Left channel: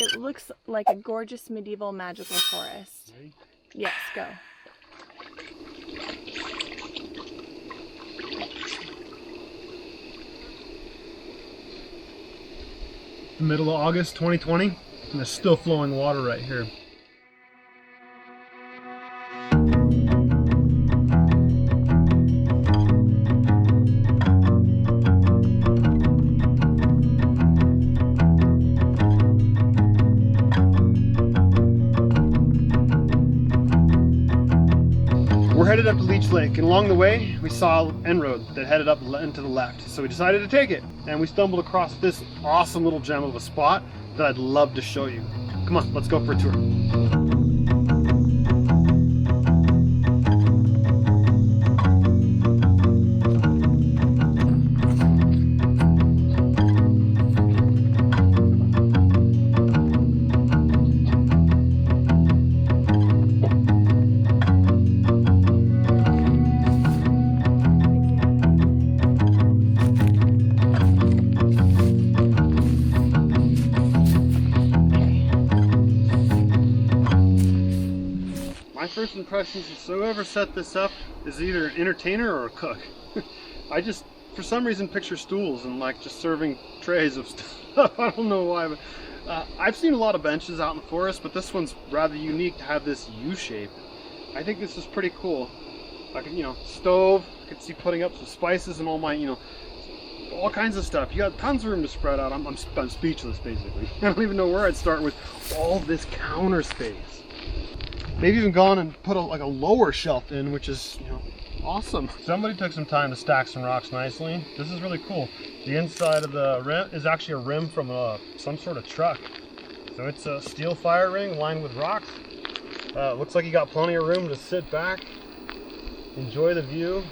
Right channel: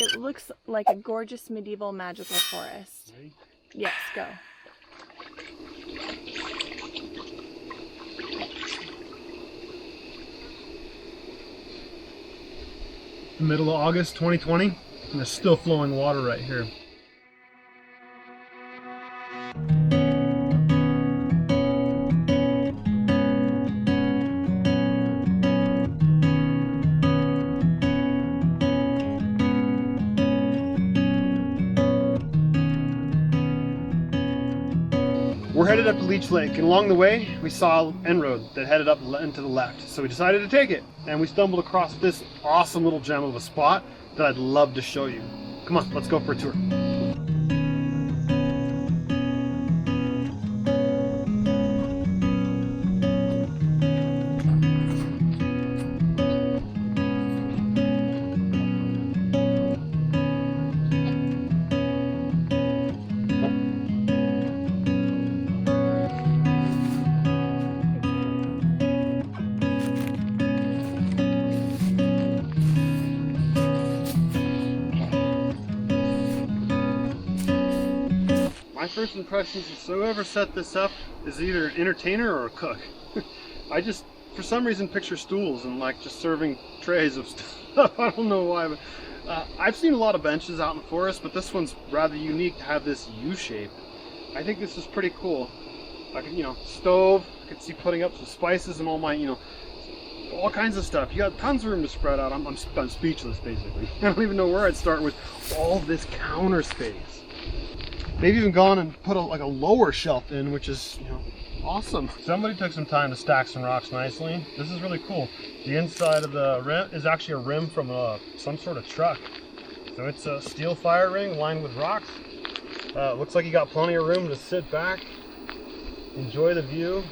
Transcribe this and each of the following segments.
It looks like a gorgeous medieval magical forest. Ready? Yes, go. The middle of August 2020, and there's still flowing water right here. We're headed up to Leech Lake, and along the way we saw an end road that headed up and to the left, so we decided to take it, and we stumbled across this awesome little gem of a spot that I'd love to show you. Come on, let's go for a tour. My first impressions is whoever set this up is either an entertainer or a cook. I just, for some reason, picture stools and like just serving trays of stuff. I don't know why, but I've seen a lot of benches out in the forest, but this one's rather unique to have this U shape. I think this is pretty cool. I can, stove. I could see putting up some spices and all my, all kinds of stuff. You got tons of room to spread out. I'm speechless, basically. I don't even know where I'd start with all this counter space. They've even gone and put like a lower shelf in, which is, awesome. Somebody took some time to stack some rocks nicely. This is really cool. The inside of the rim is actually a rim from some sort of truck. So it's a steel fire ring lined with rocks. Looks like you got plenty of room to sit back, enjoy the view.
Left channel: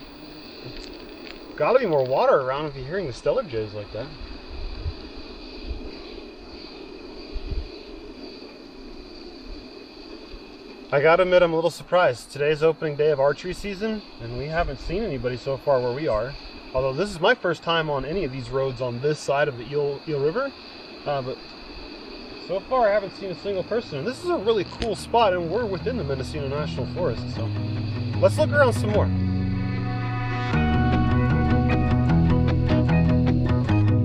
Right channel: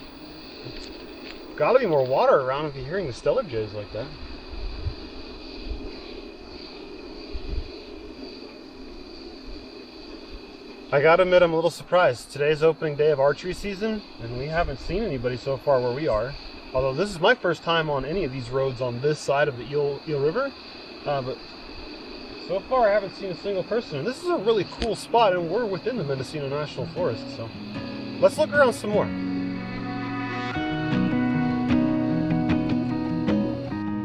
Got to be more water around if you're hearing the stellar jays like that. I gotta admit, I'm a little surprised. Today's opening day of archery season, and we haven't seen anybody so far where we are. Although this is my first time on any of these roads on this side of the Eel River. But so far I haven't seen a single person. And this is a really cool spot, and we're within the Mendocino National Forest. So let's look around some more.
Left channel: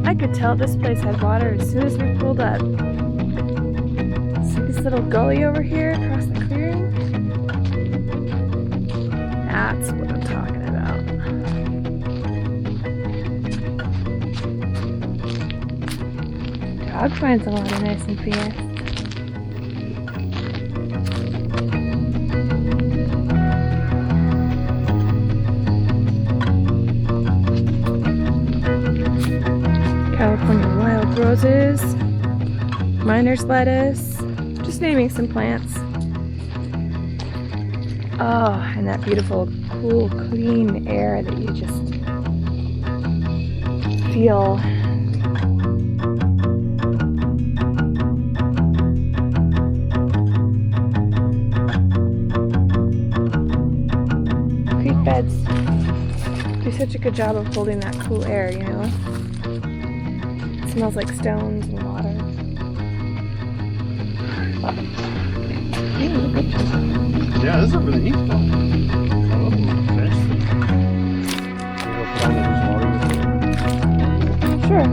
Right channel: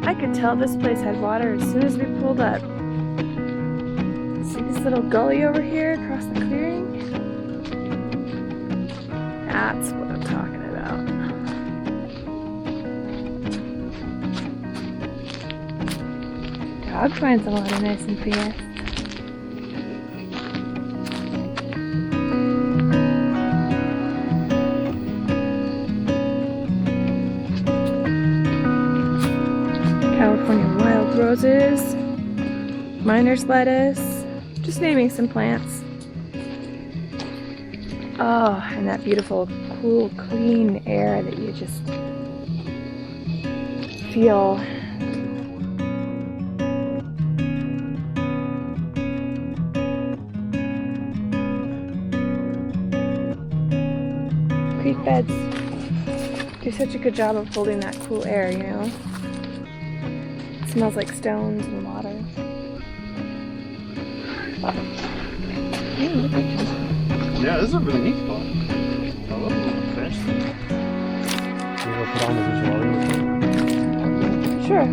I could tell this place had water as soon as we pulled up. See this little gully over here across the clearing? That's what I'm talking about. Dog finds a lot of nice and fast. California wild roses, miner's lettuce, just naming some plants. Oh, and that beautiful, cool, clean air that you just feel. Creek beds do such a good job of holding that cool air, It smells like stones and water. Yeah, this is a really neat spot. I love the little bench thing. Maybe we'll put on the water. Sure.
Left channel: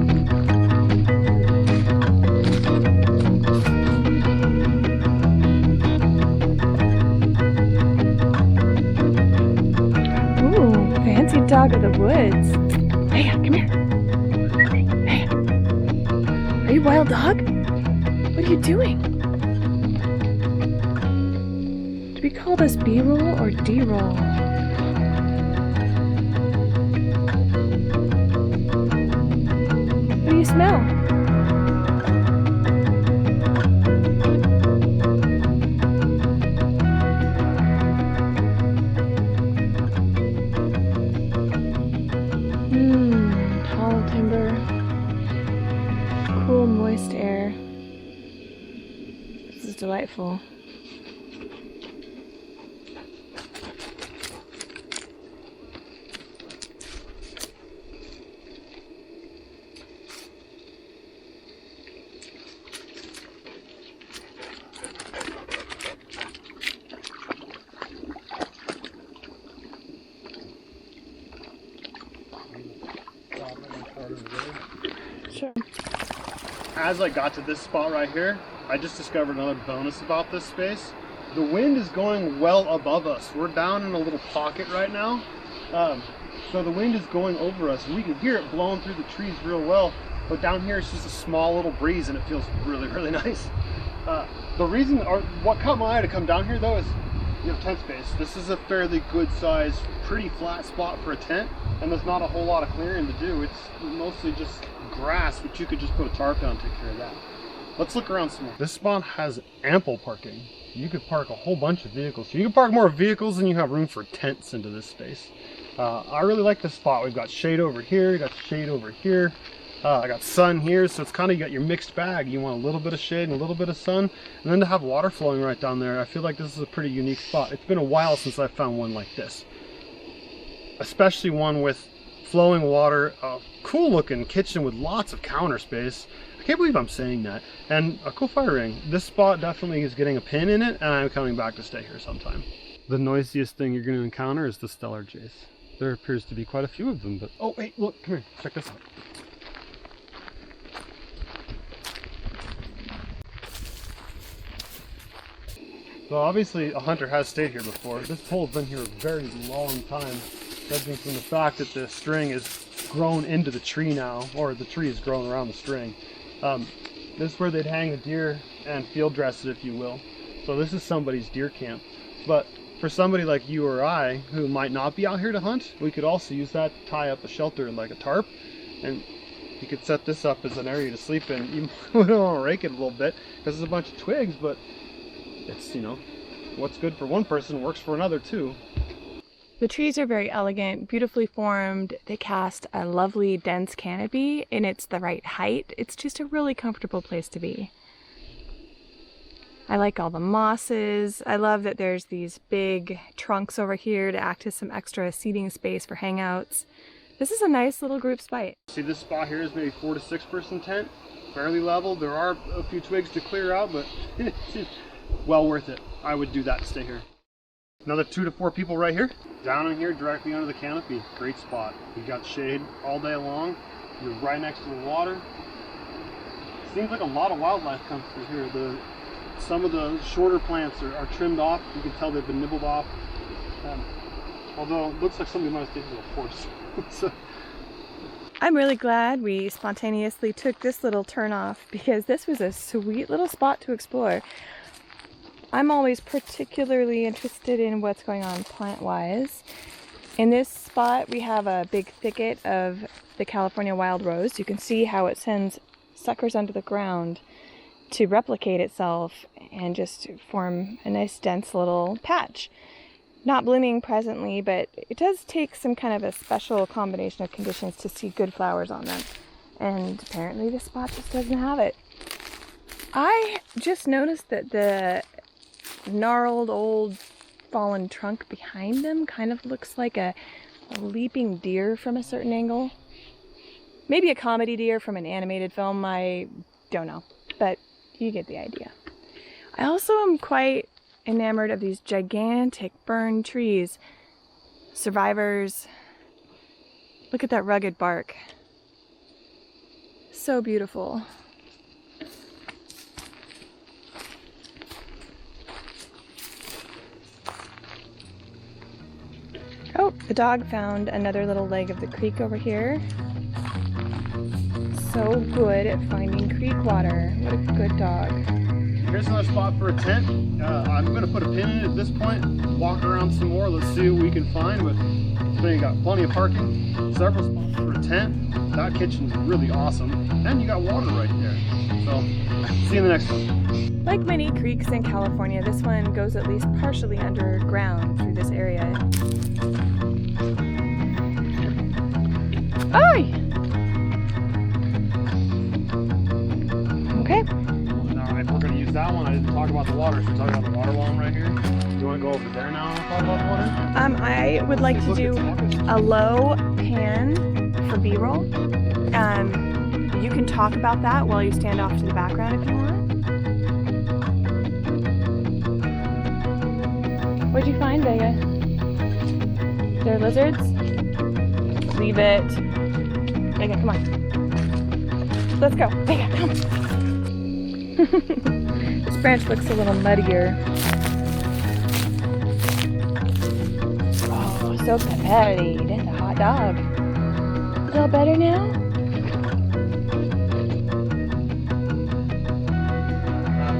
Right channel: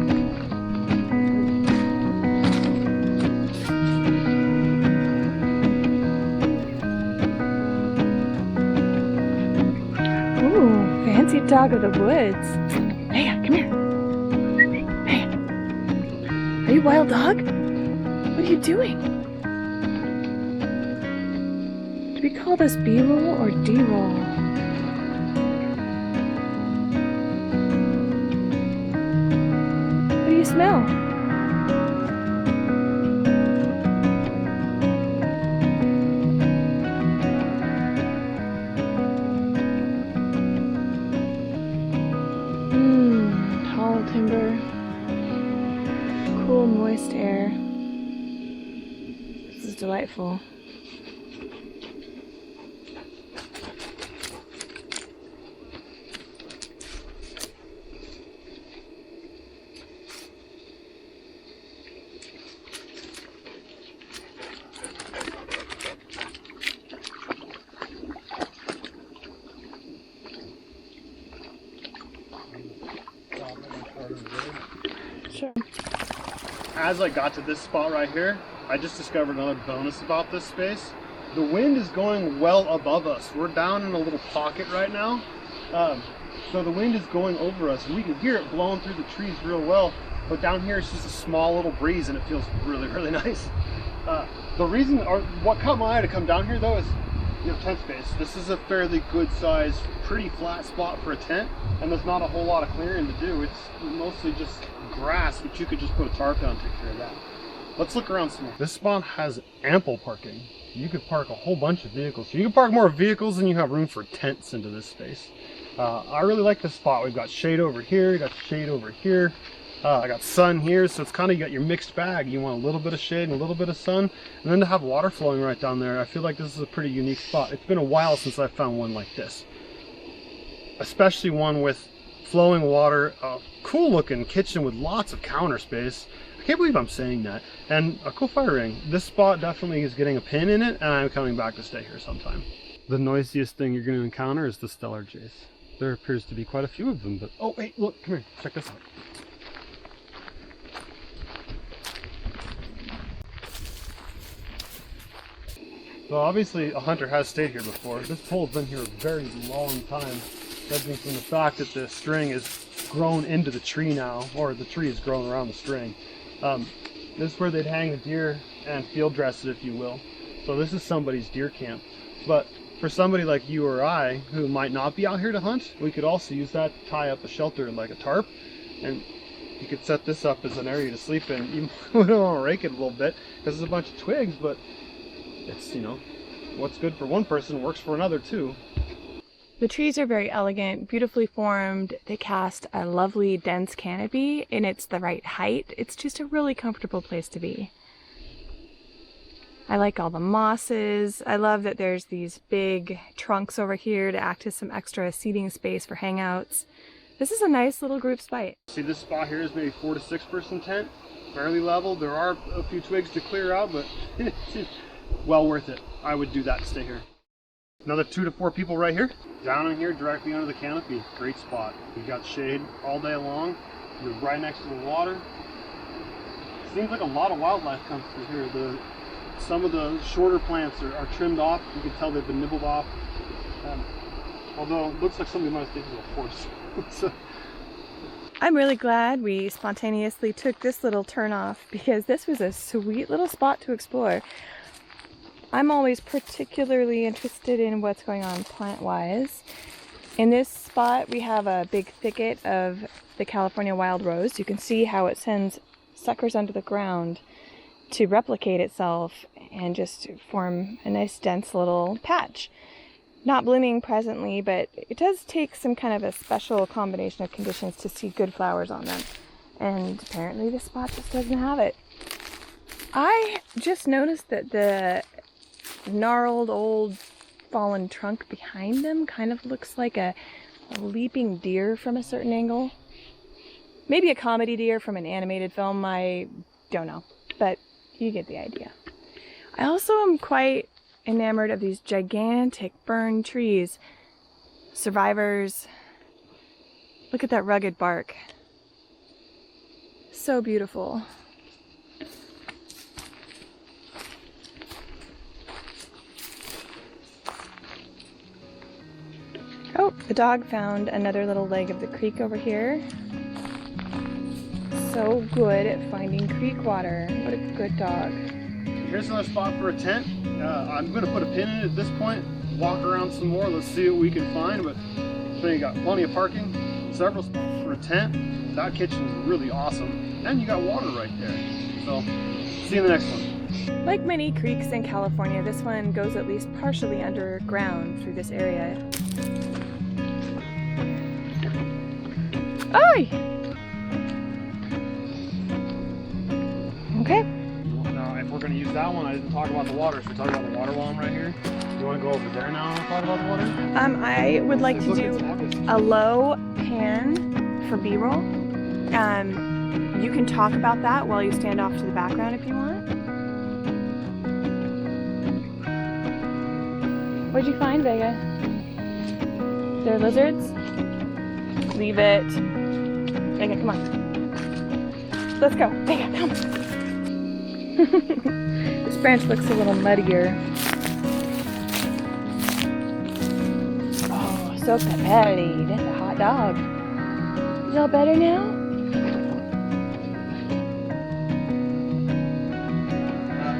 Ooh, fancy dog of the woods. Hey, come here. Hey, are you a wild dog? What are you doing? Do we call this B-roll or D-roll? What do you smell? Tall timber, cool, moist air. This is delightful. as I got to this spot right here, I just discovered another bonus about this space. The wind is going well above us. We're down in a little pocket right now. So the wind is going over us. We can hear it blowing through the trees real well, but down here it's just a small little breeze and it feels really, really nice. The reason, or what caught my eye to come down here though, is you have tent space. This is a fairly good sized, pretty flat spot for a tent, and there's not a whole lot of clearing to do. It's mostly just grass, but you could just put a tarp down and take care of that. Let's look around some more. This spot has ample parking. You could park a whole bunch of vehicles. So you can park more vehicles than you have room for tents into this space. I really like this spot. We've got shade over here, you got shade over here. I got sun here, so it's kind of, you got your mixed bag. You want a little bit of shade and a little bit of sun, and then to have water flowing right down there, I feel like this is a pretty unique spot. It's been a while since I found one like this. Especially one with flowing water, a cool looking kitchen with lots of counter space. I can't believe I'm saying that. And a cool fire ring. This spot definitely is getting a pin in it, and I'm coming back to stay here sometime. The noisiest thing you're going to encounter is the stellar jays. There appears to be quite a few of them, but oh wait, look, come here, check this out. So obviously a hunter has stayed here before. This pole's been here a very long time, judging from the fact that the string is grown into the tree now, or the tree is grown around the string. This is where they'd hang the deer and field dress it, if you will. So this is somebody's deer camp. But for somebody like you or I, who might not be out here to hunt, we could also use that to tie up a shelter like a tarp, and you could set this up as an area to sleep in. You might want to rake it a little bit, because there's a bunch of twigs, but it's, you know, what's good for one person works for another too. The trees are very elegant, beautifully formed. They cast a lovely dense canopy, and it's the right height. It's just a really comfortable place to be. I like all the mosses. I love that there's these big trunks over here to act as some extra seating space for hangouts. This is a nice little group spot. See, this spot here is maybe 4 to 6 person tent, fairly level. There are a few twigs to clear out, but well worth it. I would do that to stay here. Another 2 to 4 people right here. Down in here, directly under the canopy. Great spot. You've got shade all day long. You're right next to the water. Seems like a lot of wildlife comes through here. Some of the shorter plants are trimmed off. You can tell they've been nibbled off. Although it looks like somebody might have taken a horse. So, I'm really glad we spontaneously took this little turn off, because this was a sweet little spot to explore. I'm always particularly interested in what's going on plant-wise. In this spot, we have a big thicket of the California wild rose. You can see how it sends suckers under the ground to replicate itself and just form a nice dense little patch. Not blooming presently, but it does take some kind of a special combination of conditions to see good flowers on them. And apparently this spot just doesn't have it. I just noticed that the gnarled old fallen trunk behind them kind of looks like a leaping deer from a certain angle. Maybe a comedy deer from an animated film, I don't know, but you get the idea. I also am quite enamored of these gigantic burned trees. Survivors. Look at that rugged bark. So beautiful. Oh, the dog found another little leg of the creek over here. So good at finding creek water. What a good dog. Here's another spot for a tent. I'm going to put a pin in it at this point, walk around some more, let's see what we can find. But so you got plenty of parking, several spots for a tent. That kitchen's really awesome, and you got water right there. So, see you in the next one. Like many creeks in California, this one goes at least partially underground through this area. Oi! Okay. Now, if we're going to use that one, I didn't talk about the water. Should we talk about the water while I'm right here? You want to go over there now and talk about the water? I would like to do a low pan for B-roll. You can talk about that while you stand off to the background if you want. What'd you find, Vega? They're lizards? Leave it. Vega, come on. let's go. Vega, come. This branch looks a little muddier. Oh, so peppery. That's a hot dog. Is it all better now?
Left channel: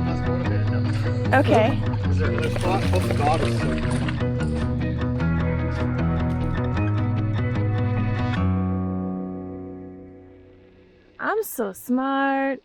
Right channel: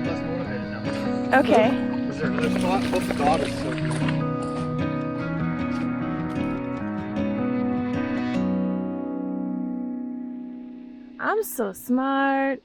Less motivated now. Okay. Is there another spot? Hope the dog is so good. I'm so smart.